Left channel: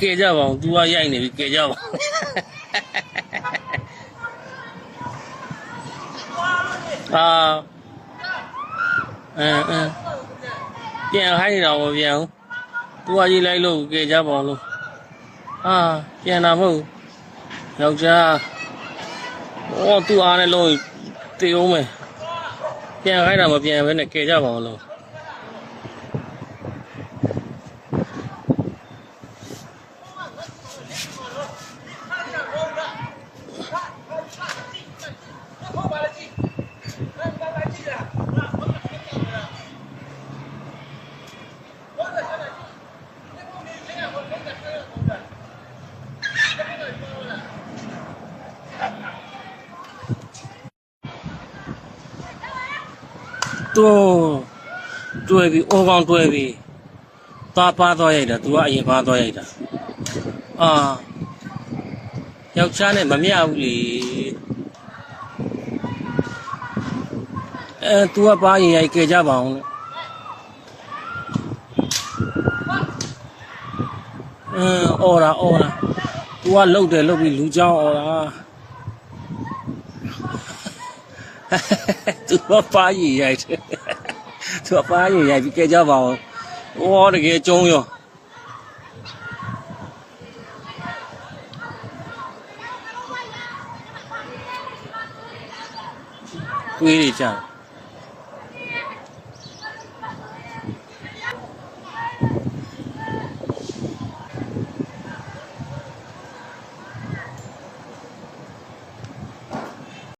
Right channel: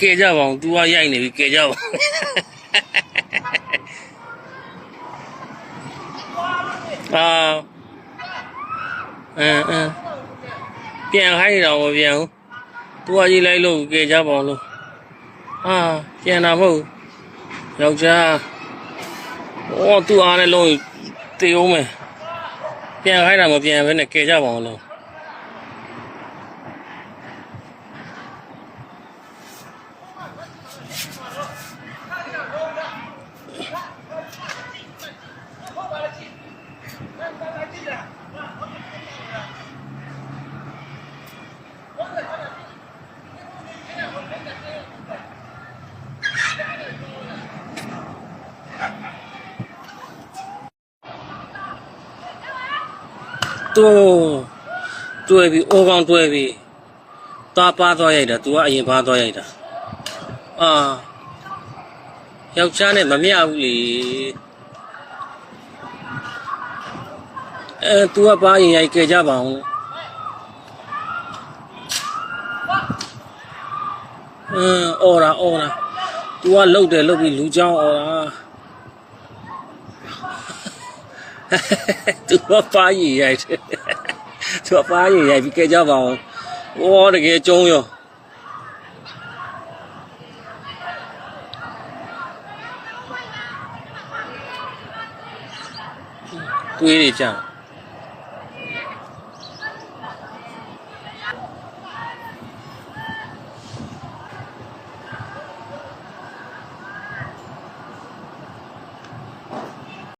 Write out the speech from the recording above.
ကဲကြပါအောင် तू ကရိုက်နေပြီကဲကြပါပြန်ခိုင်းတော့မပြန်ဘူး तू ကရေးလိုက်လို့ကဲကြပါအောင်လို့ပြန်တာမဟုတ်ယောက်ျားသူ့အားနဲ့လုံးတေအောင်မယ်ပြန်ခိုင်းတာမပြန်ဘဲနဲ့ကဲကြပါအောင်လို့တွဲပြီးအိုးကောင်းတွဲပြီးသွားပါသွားရိုက်တာ तू ကအရင်ပါသွားရိုက်တာယောက်ျားနဲ့မမျှဘူးလေतू ကပါရင်ရိုက်ကဲကြပါအောင်အော်တာ तू ကလှုပ်တယ်လှုပ်ပြီးလူချောင်းအော်တာ तू ကပါရင်ရိုက်တယ်သူအပါးရရိုက်ပြီးကဲကြပါအောင်။တကယ်ကျုံးရော။တွေးနေကြ